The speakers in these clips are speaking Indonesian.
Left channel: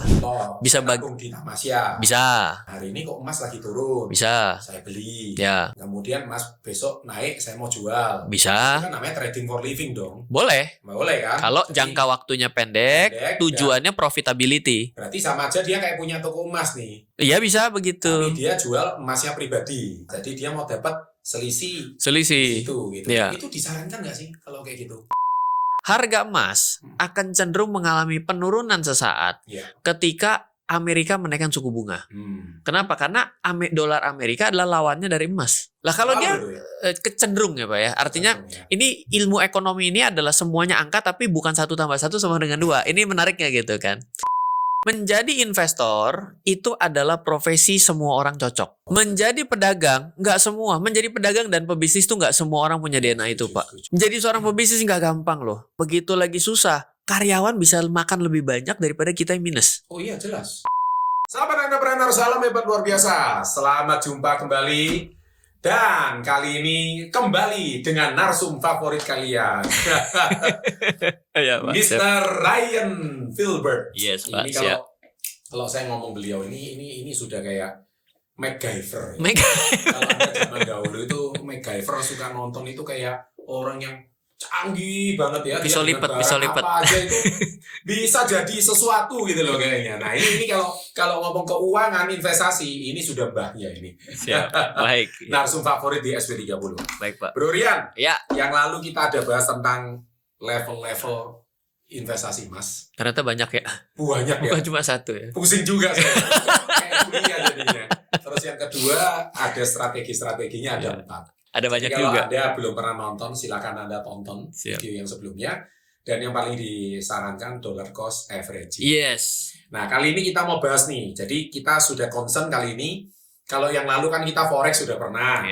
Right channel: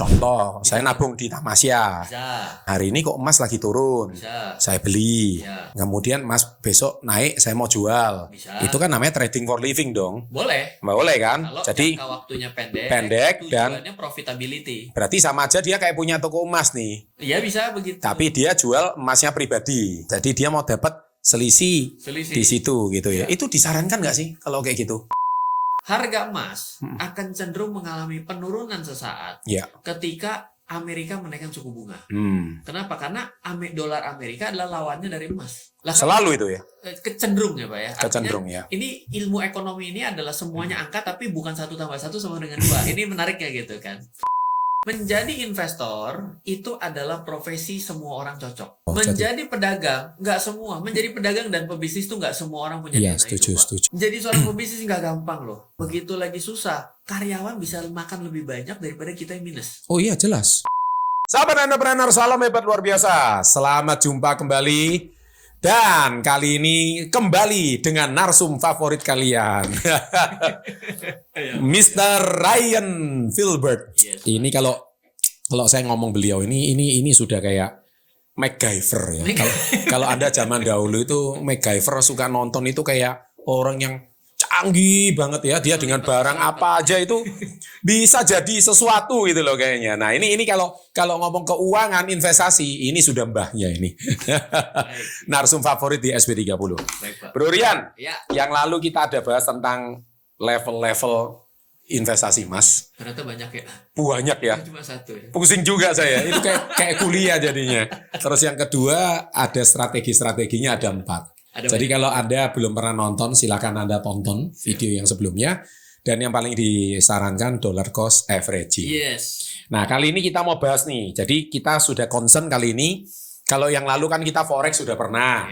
Contoh, Bisa saya nabung di Tamasya. Bisa. Hari ini kok emas lagi turun. Bisa. Saya beli. Ya. Kemudian emas besok naik, saya mau jual. Bisa. Itu kan namanya trading for living dong. Boleh. Boleh kan? Kalau Jadi jangka waktunya pendek tujuannya profitability. berarti sama aja dia kayak punya toko emas nih. Iya bisa begitu. Tapi dia jual emasnya pribadi. Jadi dia mau dapat selisih di situ gitu ya. Itu disarankan nggak sih kalau kayak gitu? Harga emas akan cenderung mengalami penurunan sesaat ketika Amerika menaikkan suku bunga. Kenapa? Karena dolar Amerika adalah lawannya dari emas. Lah kalau selalu dia itu ya? Kecenderung ya Pak ya. Artinya ini ilmu ekonomi ini adalah semuanya angka tapi bukan 1 tambah 1 sama dengan 2. Ini menariknya gitu kan. Menjadi investor itu adalah profesi semua orang cocok. Menjadi pedagang nggak semua. Menjadi pedagang dan pebisnis itu nggak semua orang punya DNA itu Pak. Menjadi seorang pebisnis nggak gampang loh. Begitu lagi susah, karyawan bisa makan lebih banyak daripada kita yang minus. Oh iya jelas. Sahabat entrepreneur, salam hebat luar biasa. Selamat jumpa kembali. Dan kali ini kembali dengan narsum favorit kalian. Mr. Ryan Filbert. Yes, ini kalau saya ngomong beliau ini sudah kayak MacGyver ya. Kalau Anda zaman dahulu itu MacGyver suka nonton itu kayak orang yang canggih banget ya, dia dengan barang apa aja itu bisa jadi sesuatu gitu loh kayaknya. Nah ini kalau ngomong keuangan investasi ini sudah mbahnya ini. Baik. Narsum favorit di SB30. Baik Pak. Bro Rian, ya. Yang lalu kita ada bahas tentang level-level investasi emas. Ternyata banyak ya. Banyak ya. Bukan cuma satu ya. Pusing juga saya. Itu kayak kuliah jadinya. Terus yang kedua ada strategi-strateginya ada 4. Jadi kalau juga. Anda belum pernah nonton, silakan Anda tonton video yang sebelumnya. Dan yang paling disarankan dollar cost averaging. Yes. Nah kali ini kita mau bahas nih. Jadi kita sudah concern kali ini. Kalau yang lalu kan kita forex sudah pernah.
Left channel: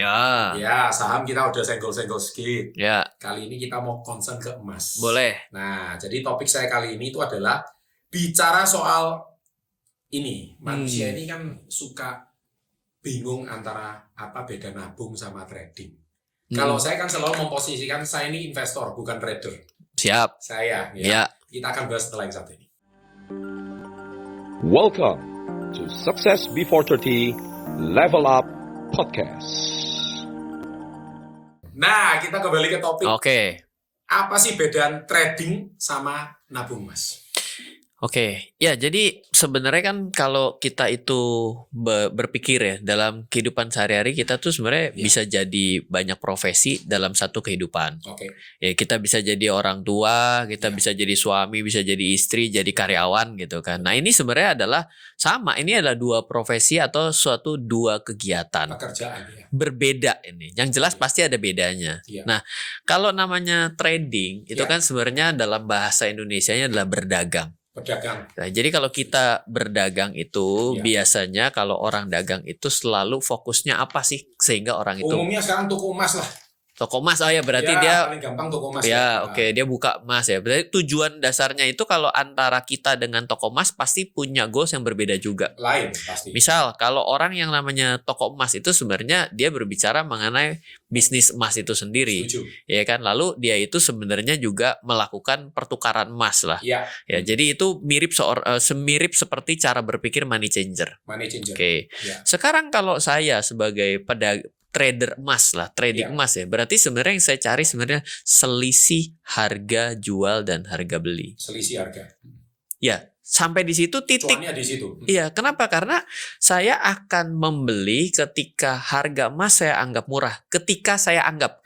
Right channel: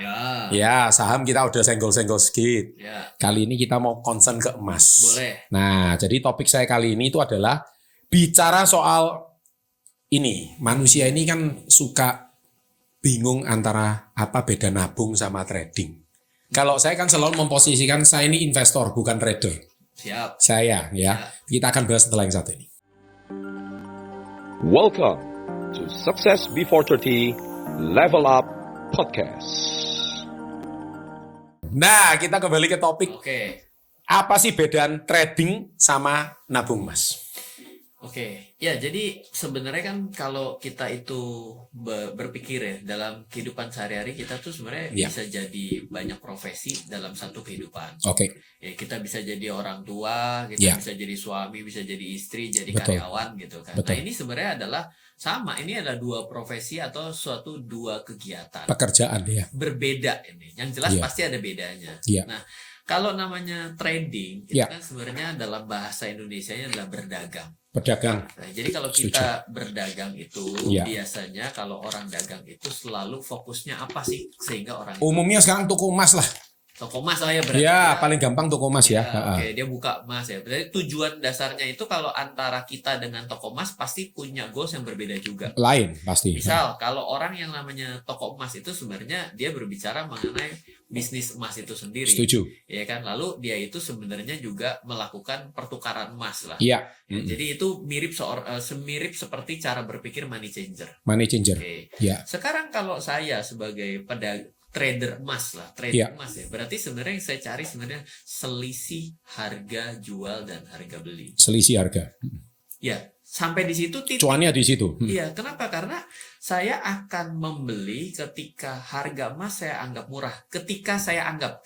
Ya, saham kita udah senggol-senggol sedikit. Ya. Kali ini kita mau concern ke emas. Boleh. Nah, jadi topik saya kali ini itu adalah bicara soal ini. Manusia ini kan suka bingung antara apa beda nabung sama trading. Kalau saya kan selalu memposisikan saya ini investor, bukan trader. Siap. Saya, ya. Kita akan bahas setelah yang satu ini. Welcome to Success Before 30 Level Up Podcast. Nah, kita kembali ke topik. Oke. Apa sih bedaan trading sama nabung emas? Oke, ya jadi sebenarnya kan kalau kita itu berpikir ya dalam kehidupan sehari-hari kita tuh sebenarnya bisa jadi banyak profesi dalam satu kehidupan. Oke. Ya kita bisa jadi orang tua, kita bisa jadi suami, bisa jadi istri, jadi karyawan gitu kan. Nah ini sebenarnya adalah sama, ini adalah 2 profesi atau suatu 2 kegiatan. Pekerjaan ya. Berbeda ini, yang jelas pasti ada bedanya. Nah kalau namanya trading itu kan sebenarnya dalam bahasa Indonesianya adalah berdagang. Pedagang. Nah, jadi kalau kita berdagang itu biasanya kalau orang dagang itu selalu fokusnya apa sih sehingga orang itu umumnya sekarang toko emas lah. Toko emas ya berarti dia paling gampang toko emas ya. Oke, dia buka emas ya. Berarti tujuan dasarnya itu kalau antara kita dengan toko emas pasti punya goals yang berbeda juga. Lain pasti. Misal kalau orang yang namanya toko emas itu sebenarnya dia berbicara mengenai bisnis emas itu sendiri. Setuju. Ya kan? Lalu dia itu sebenarnya juga melakukan pertukaran emas lah. Iya. Ya, jadi itu mirip semirip seperti cara berpikir money changer. Money changer. Oke. Sekarang kalau saya sebagai trader emas lah, trading emas ya. Berarti sebenarnya yang saya cari sebenarnya selisih harga jual dan harga beli. Selisih harga. Ya, sampai di situ titik. Cuannya di situ. Iya, kenapa? Karena saya akan membeli ketika harga emas saya anggap murah. Ketika saya anggap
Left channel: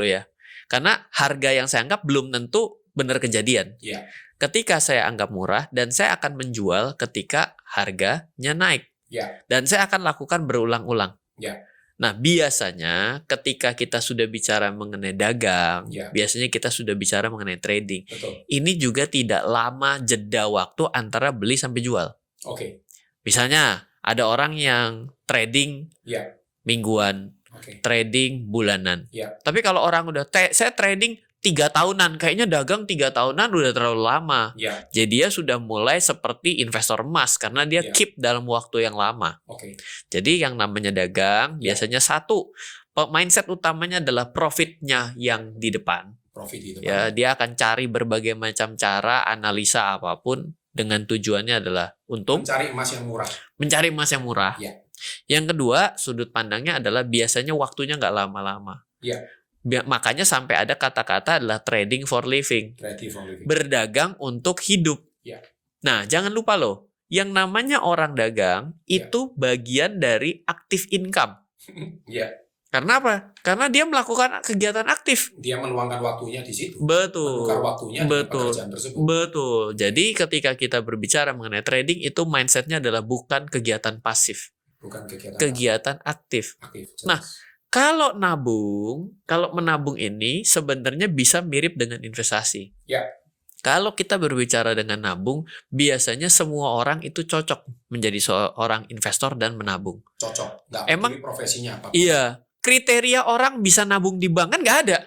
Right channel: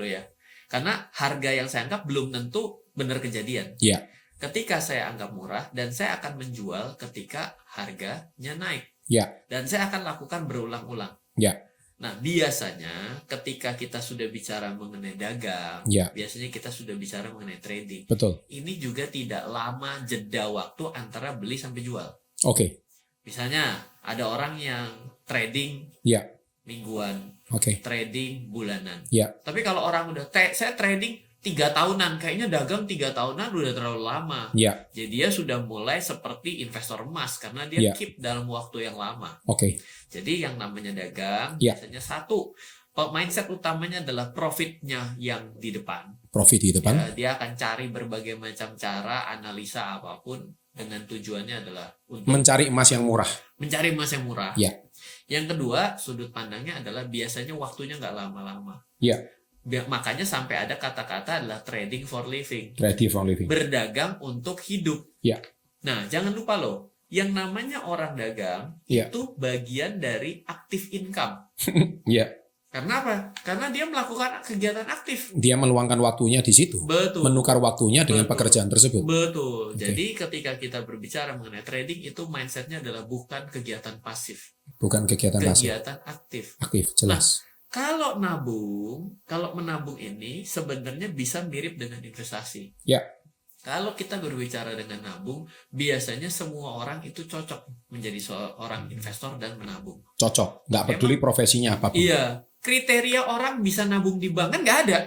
loh ya. Karena harga yang saya anggap belum tentu benar kejadian. Iya. Ketika saya anggap murah dan saya akan menjual ketika harganya naik. Iya. Dan saya akan lakukan berulang-ulang. Iya. Nah, biasanya ketika kita sudah bicara mengenai dagang, biasanya kita sudah bicara mengenai trading. Betul. Ini juga tidak lama jeda waktu antara beli sampai jual. Oke. Misalnya, ada orang yang trading mingguan, trading bulanan. Tapi kalau orang udah, saya trading 3 tahunan, kayaknya dagang 3 tahunan udah terlalu lama. Jadi dia sudah mulai seperti investor emas karena dia keep dalam waktu yang lama. Jadi yang namanya dagang biasanya satu, mindset utamanya adalah profitnya yang di depan. Profit di depan. Ya, dia akan cari berbagai macam cara, analisa apapun dengan tujuannya adalah untuk mencari emas yang murah. mencari emas yang murah. Ya. Yang kedua, sudut pandangnya adalah biasanya waktunya nggak lama-lama. Ya. Makanya sampai ada kata-kata adalah trading for living. Ready for living. Berdagang untuk hidup. Ya. Nah, jangan lupa loh, yang namanya orang dagang Ya. itu bagian dari active income. Ya. Karena apa? Karena dia melakukan kegiatan aktif. Dia meluangkan waktunya di situ. Betul. Menukar waktunya dengan Betul. pekerjaan tersebut. Betul. Jadi ketika kita berbicara mengenai trading, itu mindsetnya adalah bukan kegiatan pasif, Bukan kegiatan pasif. kegiatan aktif. Aktif, jelas. Kalau menabung ini sebenarnya bisa mirip dengan investasi. Ya. Kalau kita berbicara dengan nabung, biasanya semua orang itu cocok menjadi seorang investor dan menabung. Cocok. Nggak peduli profesinya apapun. Iya. Kriteria orang bisa nabung di bank kan nggak ada.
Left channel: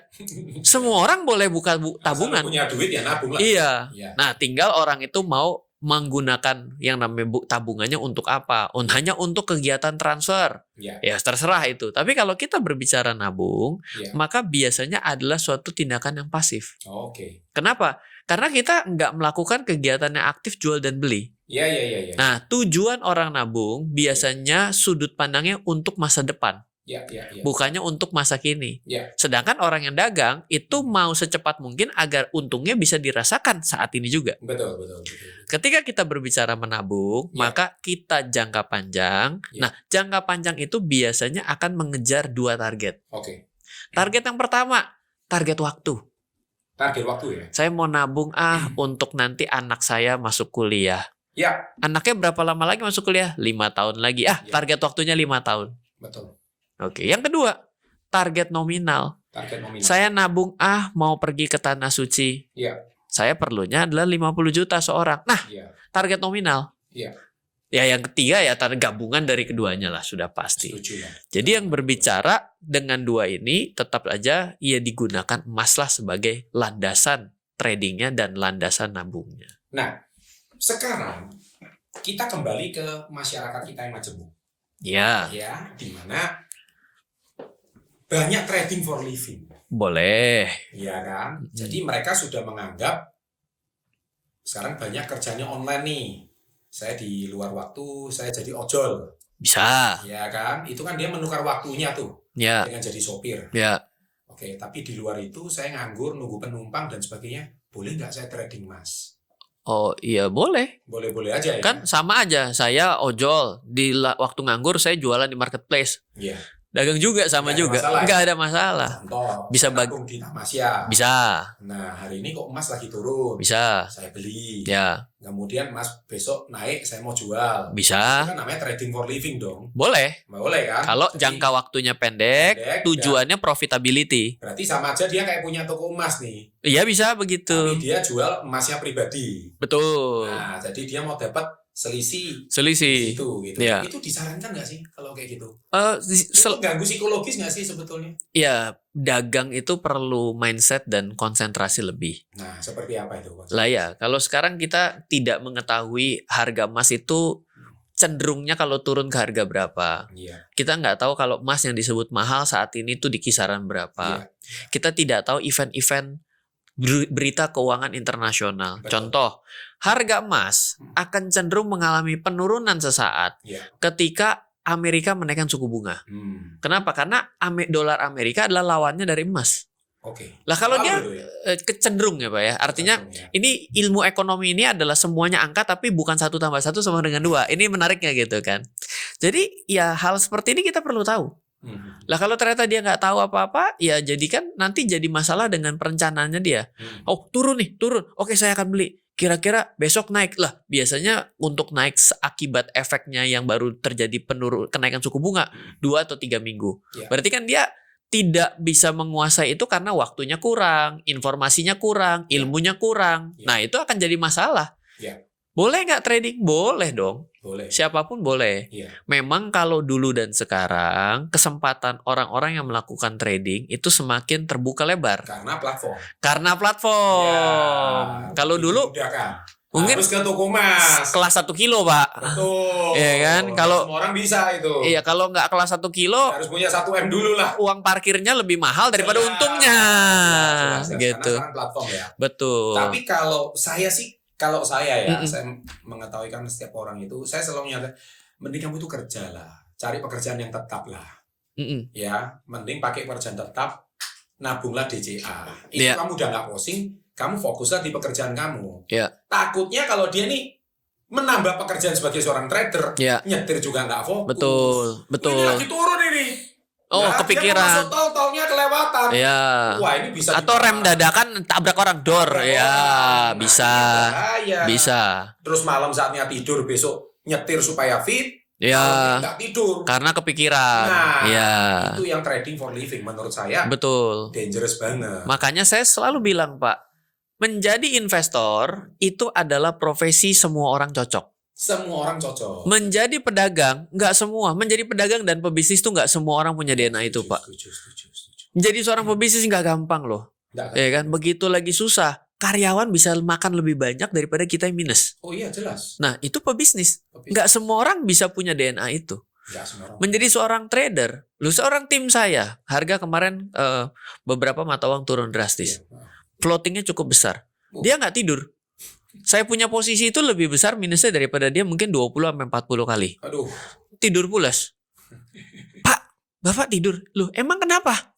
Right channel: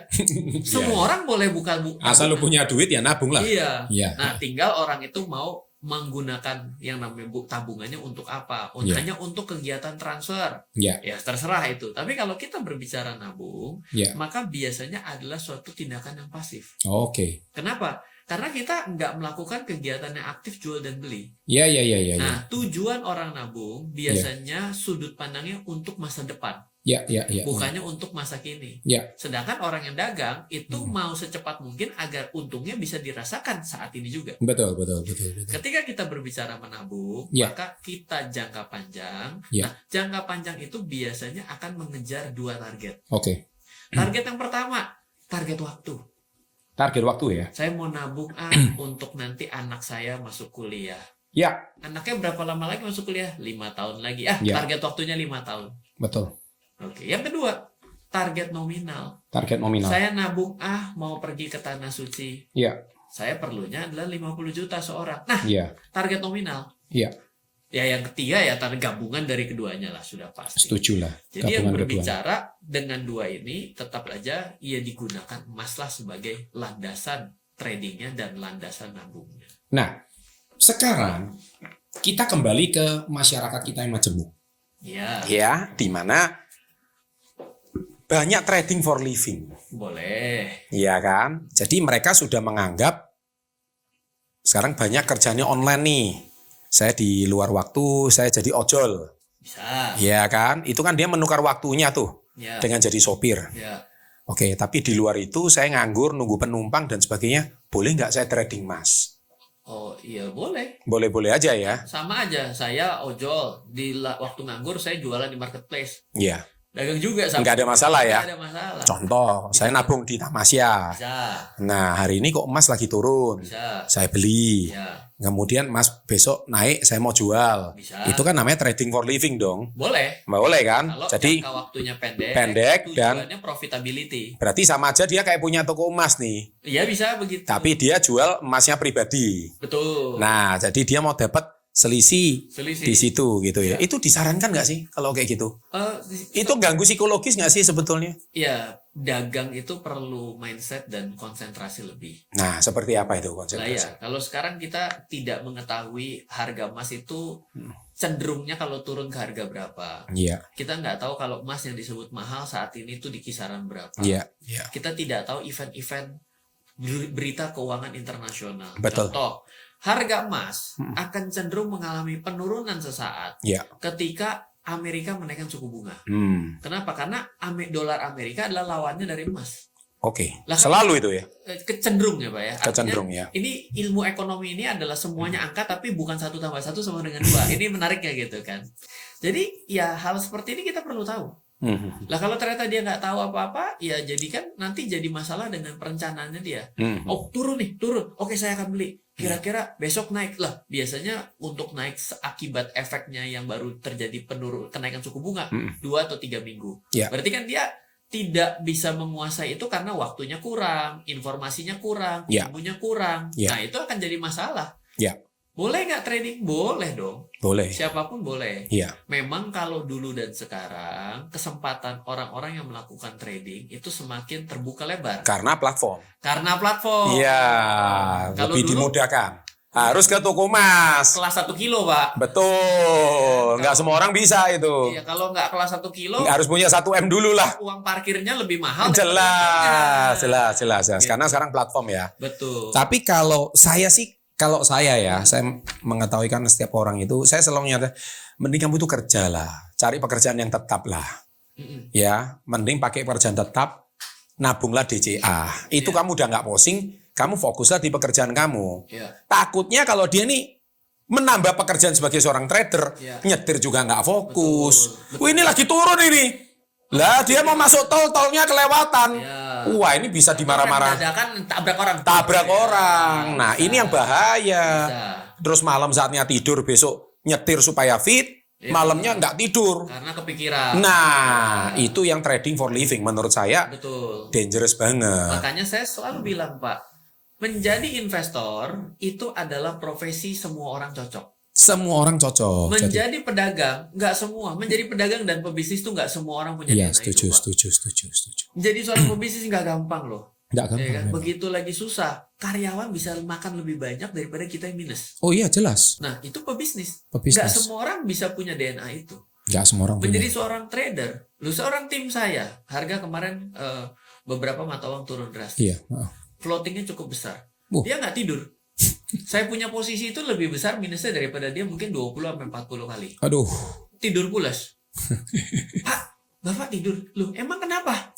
Semua orang boleh buka Asal lu tabungan. punya duit ya nabung lah. Iya. Iya. Nah, tinggal orang itu mau menggunakan yang namanya tabungannya untuk apa? Iya. Hanya untuk kegiatan transfer. Iya. Ya, terserah itu. Tapi kalau kita berbicara nabung, Iya. maka biasanya adalah suatu tindakan yang pasif. Oke. Kenapa? Karena kita nggak melakukan kegiatan yang aktif jual dan beli. Iya. Nah, tujuan orang nabung biasanya sudut pandangnya untuk masa depan, Iya. bukannya untuk masa kini. Iya. Sedangkan orang yang dagang itu mau secepat mungkin agar untungnya bisa dirasakan saat ini juga. Betul. Ketika kita berbicara menabung, Ya. maka kita jangka panjang. Ya. Nah, jangka panjang itu biasanya akan mengejar 2 target. Oke. Target yang pertama, target waktu. Target waktu ya. Saya mau nabung untuk nanti anak saya masuk kuliah. Ya. Anaknya berapa lama lagi masuk kuliah? 5 tahun lagi. Ya. Target waktunya 5 tahun. Betul. Oke, yang kedua, target nominal. Target nominal. Saya nabung mau pergi ke Tanah Suci. Iya. Saya perlunya adalah 50 juta seorang. Nah, Iya. target nominal. Iya. Ya, yang ketiga ya gabungan dari keduanya lah, sudah pasti. Setuju lah. Jadi yang Gabungan berbicara dengan dua ini tetap aja ia digunakan emas lah sebagai landasan tradingnya dan landasan nabungnya. Nah, sekarang kita kembali ke masyarakat kita yang majemuk. Ya, Ya, di mana banyak trading for living. boleh. Iya kan? Jadi mereka sudah menganggap sekarang banyak kerjanya online nih. Saya di luar waktu, saya jadi ojol. Bisa. Iya kan? Itu kan dia menukar waktunya tuh Ya, dengan jadi sopir. ya. Oke, tapi di luar itu saya nganggur, nunggu penumpang dan sebagainya. Boleh nggak saya trading mas? Oh iya boleh. Boleh-boleh aja ya. Kan sama aja. Saya ojol waktu nganggur saya jualan di marketplace. Iya. Dagang juga sama Nggak ada juga. masalah ya? Nggak ada masalah. Contoh, Bisa saya nabung di Tamasya. Bisa, Nah, hari ini kok emas lagi turun. bisa. Saya beli. Ya, Kemudian emas besok naik, saya mau jual. bisa. Itu kan namanya trading for living dong. Boleh. Boleh kan? Kalau Jadi jangka waktunya pendek, pendek, tujuannya profitability. berarti sama aja dia kayak punya toko emas nih. Iya bisa begitu. Tapi dia jual emasnya pribadi. Betul. Nah, jadi dia mau dapat selisih selisih. di situ gitu ya. Iya. Itu disarankan nggak sih kalau kayak gitu? Itu So, ganggu psikologis nggak sih sebetulnya? ya, dagang itu perlu mindset dan konsentrasi lebih. Nah, seperti apa itu konsepnya? Lah ya, kalau sekarang kita tidak mengetahui harga emas itu cenderungnya kalau turun ke harga berapa. Iya. Kita nggak tahu kalau emas yang disebut mahal saat ini tuh di kisaran berapa. Iya. Iya. Kita tidak tahu event-event berita keuangan internasional. Betul. Contoh, harga emas akan cenderung mengalami penurunan sesaat Iya. ketika Amerika menaikkan suku bunga. Kenapa? Karena dolar Amerika adalah lawannya dari emas. Oke. Lah kalau Selalu dia- itu ya. Kecenderung ya Pak ya. Artinya Kecenderung, ya. ini ilmu ekonomi ini adalah semuanya angka tapi bukan 1 tambah 1 sama dengan 2. Ini menariknya gitu kan. Jadi ya hal seperti ini kita perlu tahu. Lah kalau ternyata dia nggak tahu apa-apa, ya jadi kan nanti jadi masalah dengan perencanaannya dia. Oh turun nih, turun. Oke saya akan beli. Kira-kira besok naik lah. Biasanya untuk naik akibat efeknya yang baru terjadi kenaikan suku bunga 2 atau 3 minggu. Ya. Berarti kan dia tidak bisa menguasai itu karena waktunya kurang, informasinya kurang, Ya. ilmunya kurang. Ya. Nah itu akan jadi masalah. Ya. Boleh nggak trading? Boleh dong. Boleh. Siapapun boleh. Iya. Memang kalau dulu dan sekarang kesempatan orang-orang yang melakukan trading itu semakin terbuka lebar Karena platform. karena platform. Iya. Kalau lebih dulu dimudahkan. mungkin Harus ke toko emas. kelas 1 kilo, Pak. Betul. Iya kan? Nggak Kalau- semua orang bisa itu. Iya, kalau nggak kelas 1 kilo, Nggak harus punya 1 M dulu lah. uang parkirnya lebih mahal daripada Jelas, untungnya. jelas. Gitu. Karena sekarang platform ya. Betul. Tapi kalau saya sih Kalau saya ya, saya mengetahui kan setiap orang itu, saya selalu nyata, mending kamu itu kerja lah, cari pekerjaan yang tetap lah. Ya, mending pakai pekerjaan tetap, nabunglah DCA. Itu kamu udah nggak pusing, kamu fokuslah di pekerjaan kamu. Takutnya kalau dia nih menambah pekerjaan sebagai seorang trader, nyetir juga nggak fokus. Betul. Ini lagi turun ini. Nah, dia mau masuk tolnya kelewatan. Wah, ini bisa atau rem dadakan tabrak orang. Orang. Nah, bisa. ini yang bahaya. Bisa. Terus malam saatnya tidur, besok nyetir supaya fit, malamnya nggak tidur. Karena kepikiran. Nah, itu yang trading for living menurut saya. Betul. Dangerous banget. Makanya saya selalu bilang, Pak, menjadi investor itu adalah profesi semua orang cocok. Semua orang cocok. Menjadi pedagang, nggak semua. Menjadi pedagang dan pebisnis itu nggak semua orang punya DNA itu, Pak. Setuju. Menjadi seorang pebisnis nggak gampang loh. Nggak gampang. Ya kan? Begitu lagi susah, karyawan bisa makan lebih banyak daripada kita yang minus. Oh iya, jelas. Nah, itu pebisnis. Nggak semua orang bisa punya DNA itu. Nggak semua orang. Menjadi seorang trader, seorang tim saya, harga kemarin beberapa mata uang turun drastis. Floatingnya cukup besar. Dia nggak tidur. Saya punya posisi itu lebih besar minusnya daripada dia mungkin 20-40 kali. Aduh. Tidur pulas. Pak, Bapak tidur. Loh, emang kenapa?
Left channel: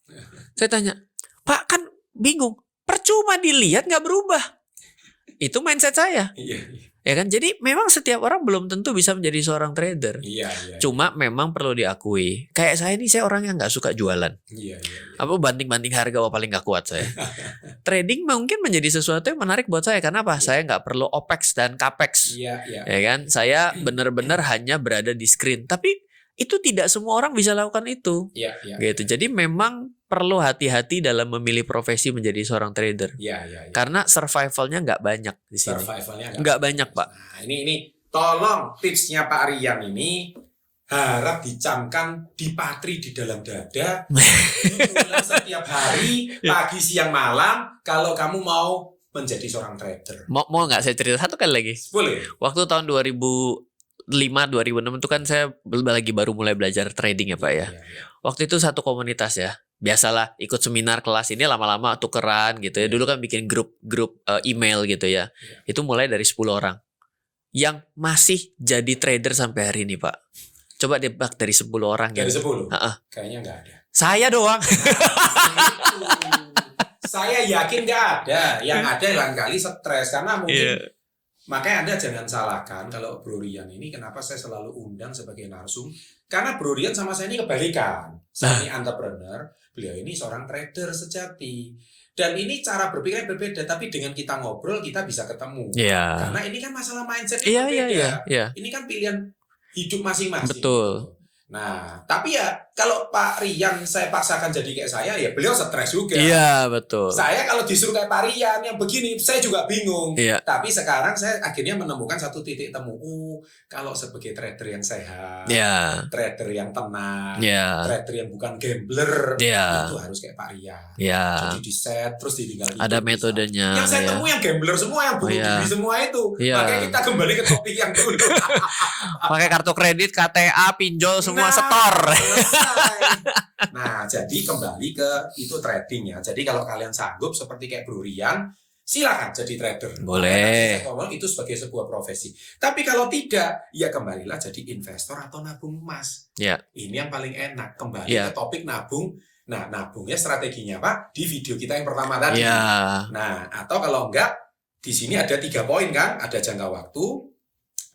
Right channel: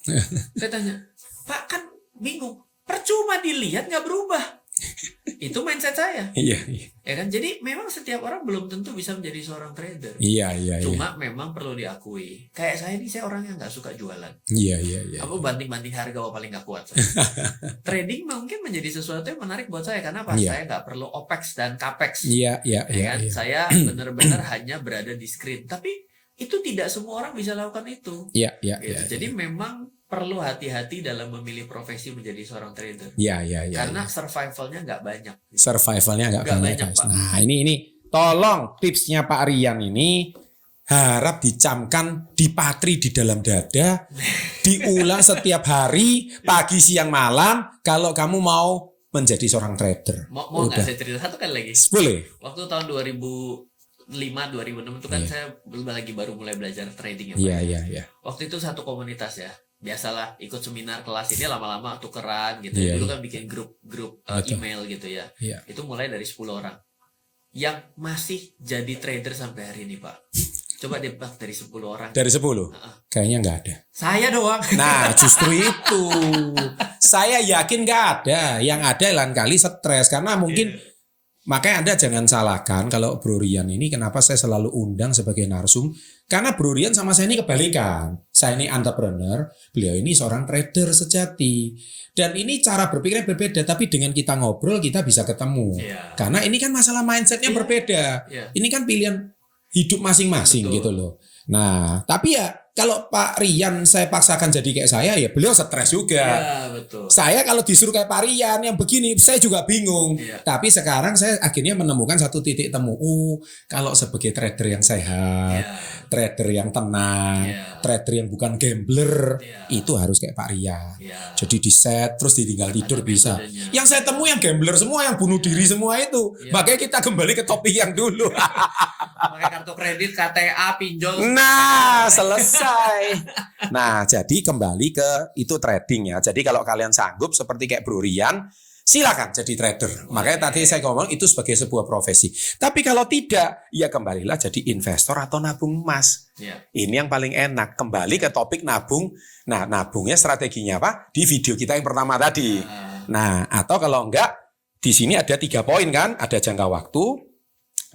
Saya tanya. Pak, kan bingung. Percuma dilihat nggak berubah. Itu mindset saya. Iya. Ya kan? Jadi memang setiap orang belum tentu bisa menjadi seorang trader. Iya. Cuma memang perlu diakui. Kayak saya ini, saya orang yang nggak suka jualan. Iya. Apa banding-banding harga, paling nggak kuat saya. Trading mungkin menjadi sesuatu yang menarik buat saya. Kenapa? Saya nggak perlu OPEX dan CAPEX. Iya. Ya kan? Saya benar-benar hanya berada di screen. Tapi itu tidak semua orang bisa lakukan itu. Iya. Gitu. Jadi memang perlu hati-hati dalam memilih profesi menjadi seorang trader. Iya. Karena survivalnya nggak banyak. Survivalnya nggak banyak, Pak. Nah, ini tolong tipsnya Pak Rian ini harap dicamkan, dipatri di dalam dada, diulang setiap hari, pagi, siang, malam, kalau kamu mau menjadi seorang trader. Mau nggak saya cerita satu kali lagi? Boleh. Waktu tahun 2005-2006 itu kan saya lagi baru mulai belajar trading ya, Pak ya. Waktu itu satu komunitas ya. Biasalah ikut seminar kelas ini lama-lama tukeran gitu ya. Dulu kan bikin grup email gitu ya. Itu mulai dari 10 orang. Yang masih jadi trader sampai hari ini, Pak. Coba debak dari 10 orang. Dari 10? Kayaknya nggak ada. Saya doang. Nah, justru itu. Saya yakin nggak ada. Yang ada lain kali stres. Karena mungkin makanya Anda jangan salahkan kalau Bro Rian ini kenapa saya selalu undang sebagai narsum. Karena Bro Rian sama saya ini kebalikan. Saya ini entrepreneur, beliau ini seorang trader sejati. Dan ini cara berpikirnya berbeda, tapi dengan kita ngobrol kita bisa ketemu. Karena ini kan masalah mindsetnya berbeda. Ini kan pilihan hidup masing-masing gitu loh. Nah, tapi ya kalau Pak Rian saya paksakan jadi kayak saya, ya beliau stres juga. Iya, betul. Saya kalau disuruh kayak Pak Rian yang begini, saya juga bingung. Tapi sekarang saya akhirnya menemukan satu titik temu. Kalau sebagai trader yang sehat, trader yang tenang, trader yang bukan gambler, itu harus kayak Pak Rian. Jadi di set, terus ditinggal hidup. Ada metodenya. Yang saya temui yang gambler semua, yang bunuh diri semua itu. Makanya kita kembali ke topik yang dulu. Pakai kartu kredit, KTA, pinjol, semua selesai. Nah, jadi kembali ke itu trading ya. Jadi kalau kalian sanggup seperti kayak Bro Rian, silakan jadi trader. Makanya tadi saya ngomong itu sebagai sebuah profesi. Tapi kalau tidak, ya kembalilah jadi investor atau nabung emas. Ini yang paling enak. Kembali ke topik nabung. Nah, nabungnya strateginya apa? Di video kita yang pertama tadi. Nah, atau kalau enggak, di sini ada 3 poin kan? Ada jangka waktu,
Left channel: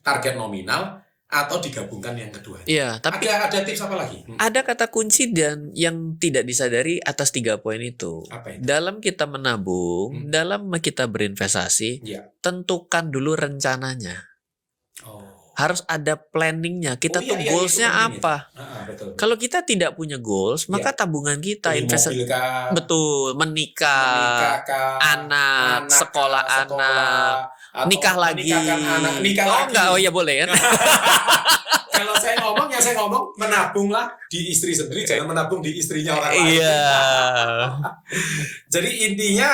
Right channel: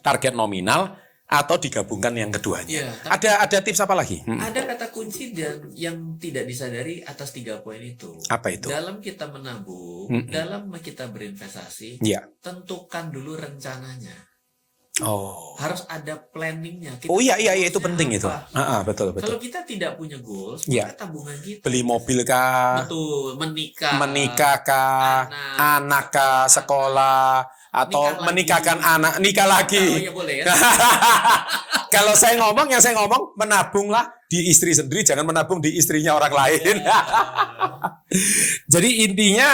target nominal, atau digabungkan yang keduanya. Tapi ada tips apa lagi? Ada kata kunci dan yang tidak disadari atas 3 poin itu. Apa itu? Dalam kita menabung, dalam kita berinvestasi, tentukan dulu rencananya. Harus ada planningnya. Kita goalsnya apa? Betul. Kalau kita tidak punya goals, maka tabungan kita beli mobil kah? Betul, menikah kah? anak sekolah. Atau nikah lagi. Menikahkan anak, nikah lagi. Oh ya boleh ya. Kalau saya ngomong menabunglah di istri sendiri, jangan menabung di istrinya orang lain. Jadi intinya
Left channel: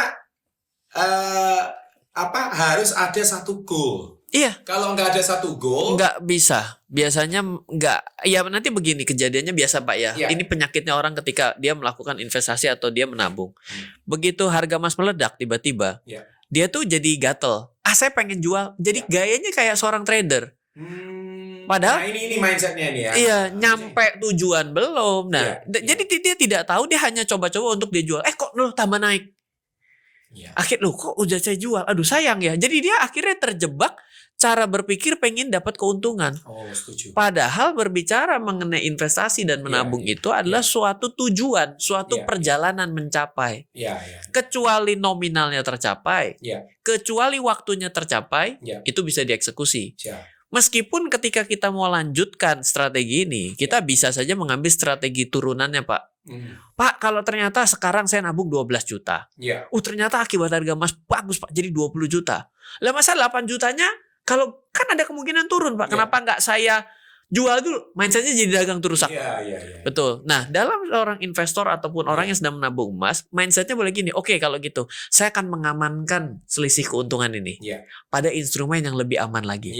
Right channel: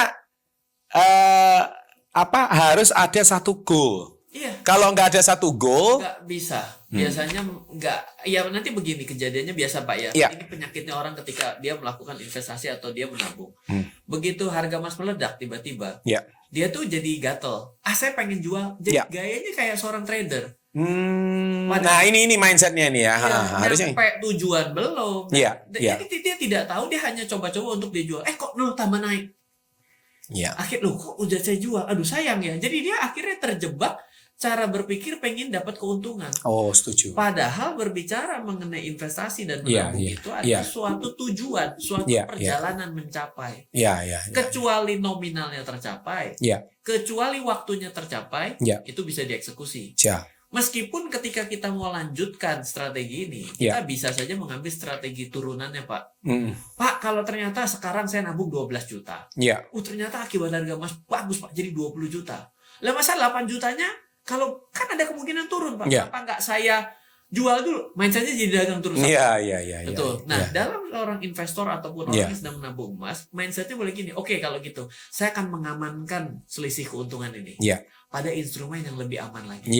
harus ada satu goal. Kalau nggak ada satu goal, nggak bisa. Biasanya nggak. Ya nanti begini kejadiannya biasa, Pak ya. Ini penyakitnya orang ketika dia melakukan investasi atau dia menabung. Begitu harga emas meledak tiba-tiba. dia tuh jadi gatel. Saya pengen jual. Jadi gayanya kayak seorang trader. Padahal ini mindsetnya ini ya. Iya, nyampe tujuan belum. Nah, jadi dia tidak tahu, dia hanya coba-coba untuk dia jual. Kok tambah naik. Iya. Akhirnya kok udah saya jual. Aduh sayang ya. Jadi dia akhirnya terjebak cara berpikir pengen dapat keuntungan. Oh, setuju. Padahal berbicara mengenai investasi dan menabung itu adalah suatu tujuan, suatu perjalanan mencapai. Kecuali nominalnya tercapai, kecuali waktunya tercapai, itu bisa dieksekusi. Meskipun ketika kita mau lanjutkan strategi ini, kita bisa saja mengambil strategi turunannya, Pak. Pak, kalau ternyata sekarang saya nabung 12 juta. Ternyata akibat harga emas bagus, Pak, jadi 20 juta. Lah masa 8 jutanya kalau kan ada kemungkinan turun, Pak. Kenapa nggak saya jual dulu? Mindsetnya jadi dagang terus. Betul. Nah, dalam orang investor ataupun orang yang sedang menabung emas, mindsetnya boleh gini. Oke, kalau gitu, saya akan mengamankan selisih keuntungan ini pada instrumen yang lebih aman lagi.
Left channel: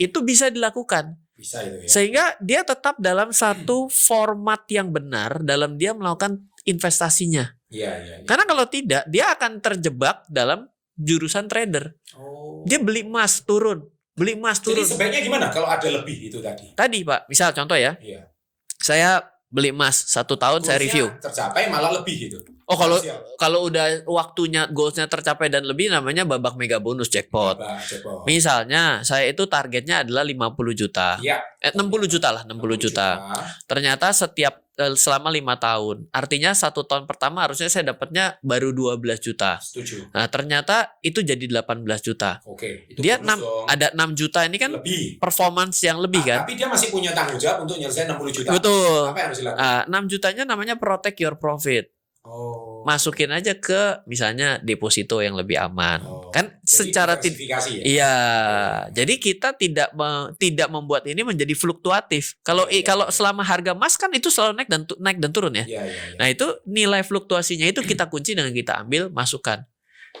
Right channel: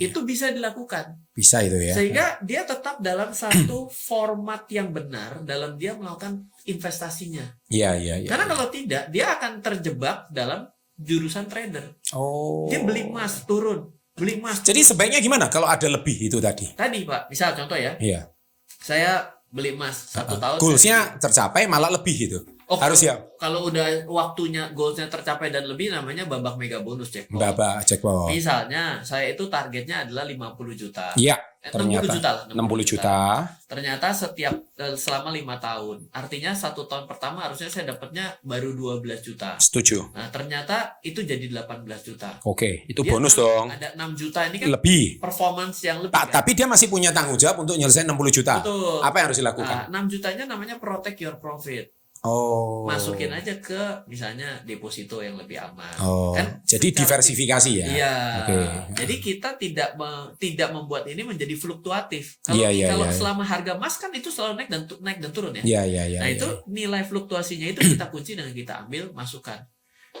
Itu bisa dilakukan. Bisa itu ya. Sehingga dia tetap dalam satu format yang benar dalam dia melakukan investasinya. Karena kalau tidak, dia akan terjebak dalam jurusan trader. Dia beli emas turun. Jadi sebaiknya gimana kalau ada lebih itu tadi? Tadi Pak, misal contoh ya. Saya beli emas 1 tahun, saya review. Tercapai malah lebih gitu. Kalau udah waktunya goalsnya tercapai dan lebih, namanya babak mega bonus jackpot. Misalnya saya itu targetnya adalah 50 juta. 60 juta lah, 60 juta. Ternyata selama 5 tahun. Artinya 1 tahun pertama harusnya saya dapatnya baru 12 juta. Setuju. Nah, ternyata itu jadi 18 juta. Oke, itu bonus dong. Ada 6 juta ini kan lebih. Performance yang lebih kan. Tapi dia masih punya tanggung jawab untuk nyelesain 60 juta. Betul. Apa yang harus dilakukan? 6 jutanya namanya protect your profit. Masukin aja ke misalnya deposito yang lebih aman. Kan jadi secara diversifikasi ya. Iya. Jadi kita tidak membuat ini menjadi fluktuatif. Kalau selama harga emas kan itu selalu naik dan turun ya. Nah, itu nilai fluktuasinya itu kita kunci dengan kita ambil masukkan.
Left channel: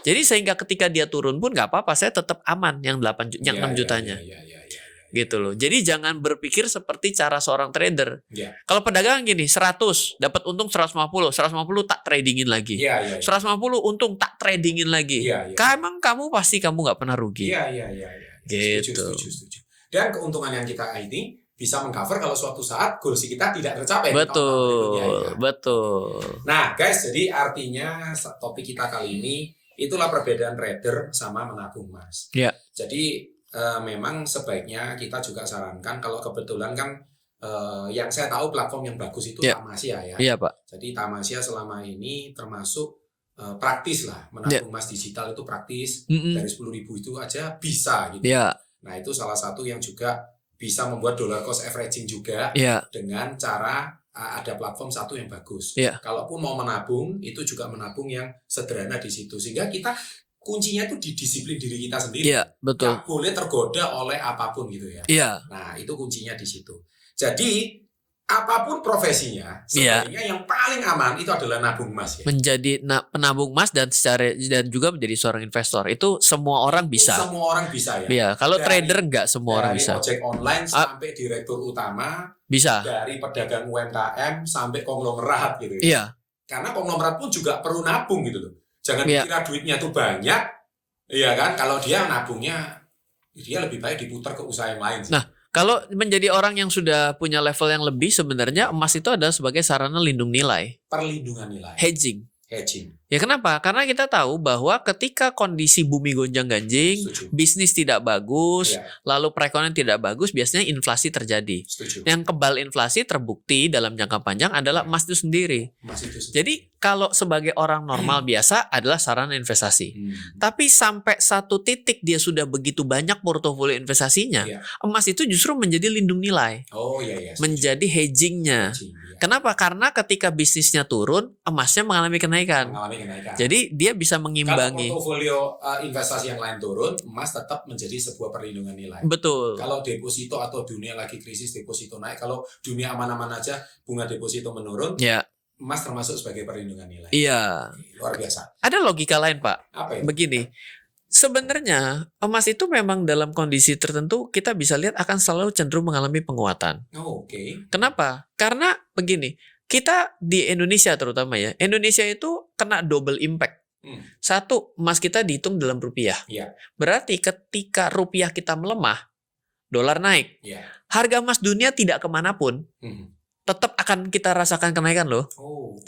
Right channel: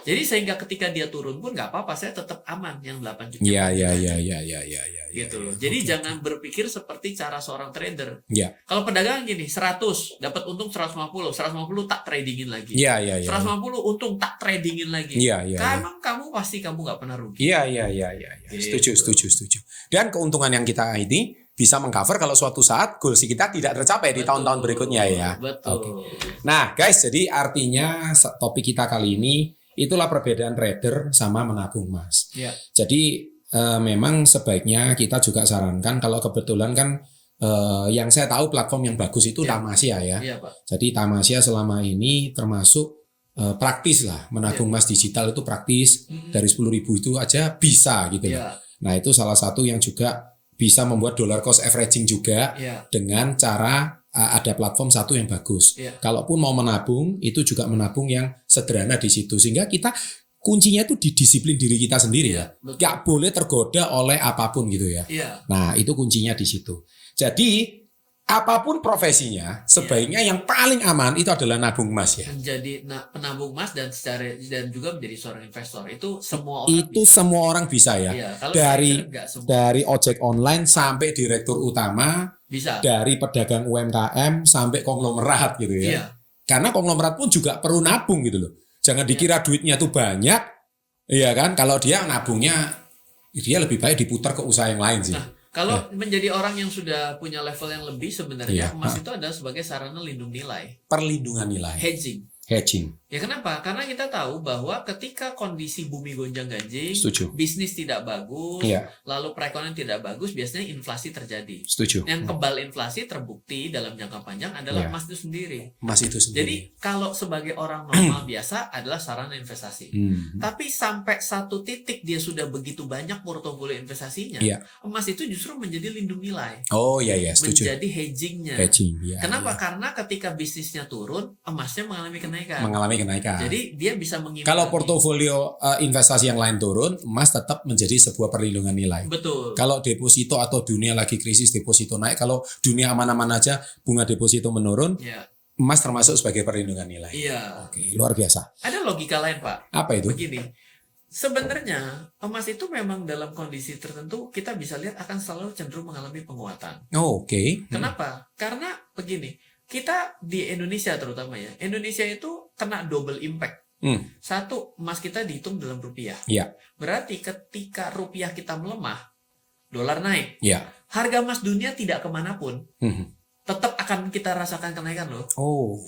Jadi sehingga ketika dia turun pun nggak apa-apa, saya tetap aman yang 6 jutanya. Gitu loh. Jadi jangan berpikir seperti cara seorang trader. Kalau pedagang gini, 100 dapat untung 150 tak tradingin lagi. 150 untung tak tradingin lagi. Emang kamu pasti nggak pernah rugi. Gitu. Setuju. Dan keuntungan yang kita ini bisa mengcover kalau suatu saat goals kita tidak tercapai di tahun-tahun berikutnya ya. Betul. Nah, guys, jadi artinya topik kita kali ini itulah perbedaan trader sama menabung emas. Jadi memang sebaiknya kita juga sarankan kalau kebetulan kan yang saya tahu platform yang bagus itu Tamasya ya. Iya, Pak. Jadi Tamasya selama ini termasuk praktis lah, menabung emas digital itu praktis. Dari 10.000 itu aja bisa gitu. Nah, itu salah satu yang juga bisa membuat dollar cost averaging juga dengan cara ada platform satu yang bagus. Kalaupun mau menabung, itu juga menabung yang sederhana di situ. Sehingga kita kuncinya itu di disiplin diri kita sendiri. Gak boleh tergoda oleh apapun gitu ya. Nah, itu kuncinya di situ. Jadi apapun profesinya, sebaiknya yang paling aman itu adalah nabung emas ya. Menjadi penabung emas dan juga menjadi seorang investor itu semua orang bisa. Semua orang bisa ya. Kalau trader enggak semua orang bisa. Dari ojek online sampai direktur utama, bisa. Dari pedagang UMKM sampai konglomerat gitu ya. Karena konglomerat pun juga perlu nabung gitu loh. Jangan dikira duitnya tuh banyak, iya kan? Kalau dia nabungnya, dia lebih baik diputar ke usaha yang lain sih. Nah, kalau menjadi orang yang sudah punya level yang lebih, sebenarnya emas itu adalah sebagai sarana lindung nilai. Perlindungan nilai. Hedging. Hedging. Ya kenapa? Karena kita tahu bahwa ketika kondisi bumi gonjang-ganjing, bisnis tidak bagus, lalu perekonomian tidak bagus, biasanya inflasi terjadi. Setuju. Yang kebal inflasi terbukti dalam jangka panjang adalah emas itu sendiri. Jadi kalau sebagai orang normal biasa adalah sarana investasi. Tapi sampai satu titik dia sudah begitu banyak portofolio investasinya, emas itu justru menjadi lindung nilai. Setuju. Menjadi hedgingnya. Kenapa? Karena ketika bisnisnya turun, emasnya mengalami kenaikan. Jadi dia bisa mengimbangi. Kalau portofolio investasi yang lain turun, emas tetap menjadi sebuah perlindungan nilai. Betul. Kalau deposito atau dunia lagi krisis, deposito naik. Kalau dunia aman-aman aja, bunga deposito menurun. Emas termasuk sebagai perlindungan nilai. Oke, luar biasa. Ada logika lain, Pak. Apa itu? Begini. Sebenarnya emas itu memang dalam kondisi tertentu kita bisa lihat akan selalu cenderung mengalami penguatan. Kenapa? Karena begini. Kita di Indonesia terutama ya, Indonesia itu kena double impact. Satu, emas kita dihitung dalam rupiah. Iya. Berarti ketika rupiah kita melemah, dolar naik. Iya. Harga emas dunia tidak kemanapun. Tetap akan kita rasakan kenaikan loh. Oh.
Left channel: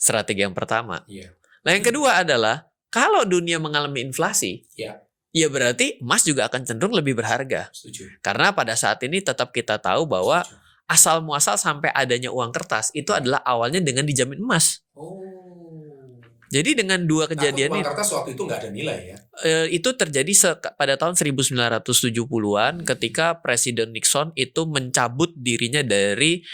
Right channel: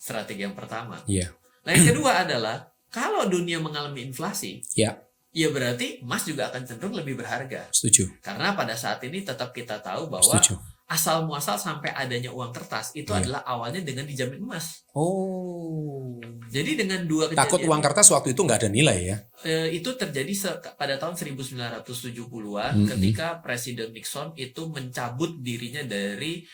Strategi yang pertama. Iya. Nah, yang kedua adalah kalau dunia mengalami inflasi, Iya. ya berarti emas juga akan cenderung lebih berharga. Setuju. Karena pada saat ini tetap kita tahu bahwa Setuju. asal muasal sampai adanya uang kertas itu adalah awalnya dengan dijamin emas. Oh. Jadi dengan dua Takut kejadian uang ini, kertas waktu itu nggak ada nilai ya? itu terjadi pada tahun 1970-an ketika Presiden Nixon itu mencabut dirinya dari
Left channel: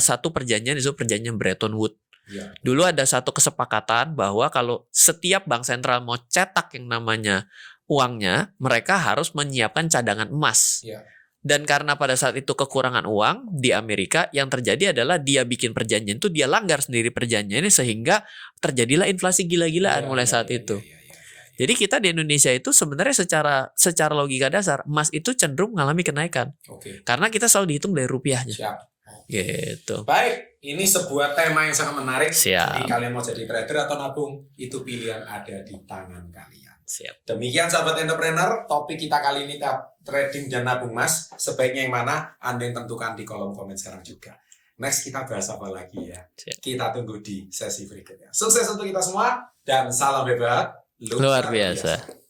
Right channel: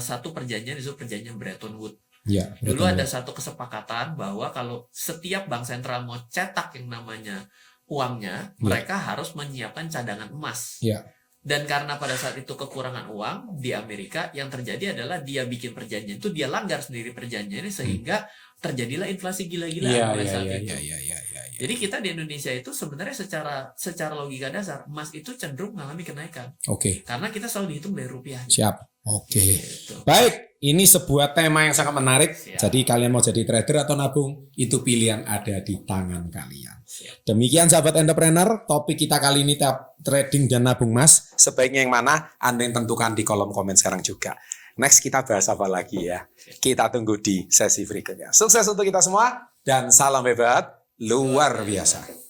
satu perjanjian, itu perjanjian Bretton Woods. Ya, Dulu ada satu kesepakatan bahwa kalau setiap bank sentral mau cetak yang namanya uangnya, mereka harus menyiapkan cadangan emas. Ya. Dan karena pada saat itu kekurangan uang di Amerika, yang terjadi adalah dia bikin perjanjian itu, dia langgar sendiri perjanjiannya sehingga terjadilah inflasi gila-gilaan mulai saat itu. Jadi kita di Indonesia itu sebenarnya secara logika dasar emas itu cenderung mengalami kenaikan. Oke. Karena kita selalu dihitung dari rupiahnya. Siap. Oke. Gitu. Baik, ini sebuah tema yang sangat menarik. Siap. Jadi kalian mau jadi trader atau nabung, itu pilihan ada di tangan kalian. Siap. Demikian sahabat entrepreneur, topik kita kali ini trading dan nabung emas. Sebaiknya yang mana? Anda yang tentukan di kolom komen sekarang juga. Next kita bahas apa lagi ya? Siap. Kita tunggu di sesi berikutnya. Sukses untuk kita semua dan salam hebat luar biasa.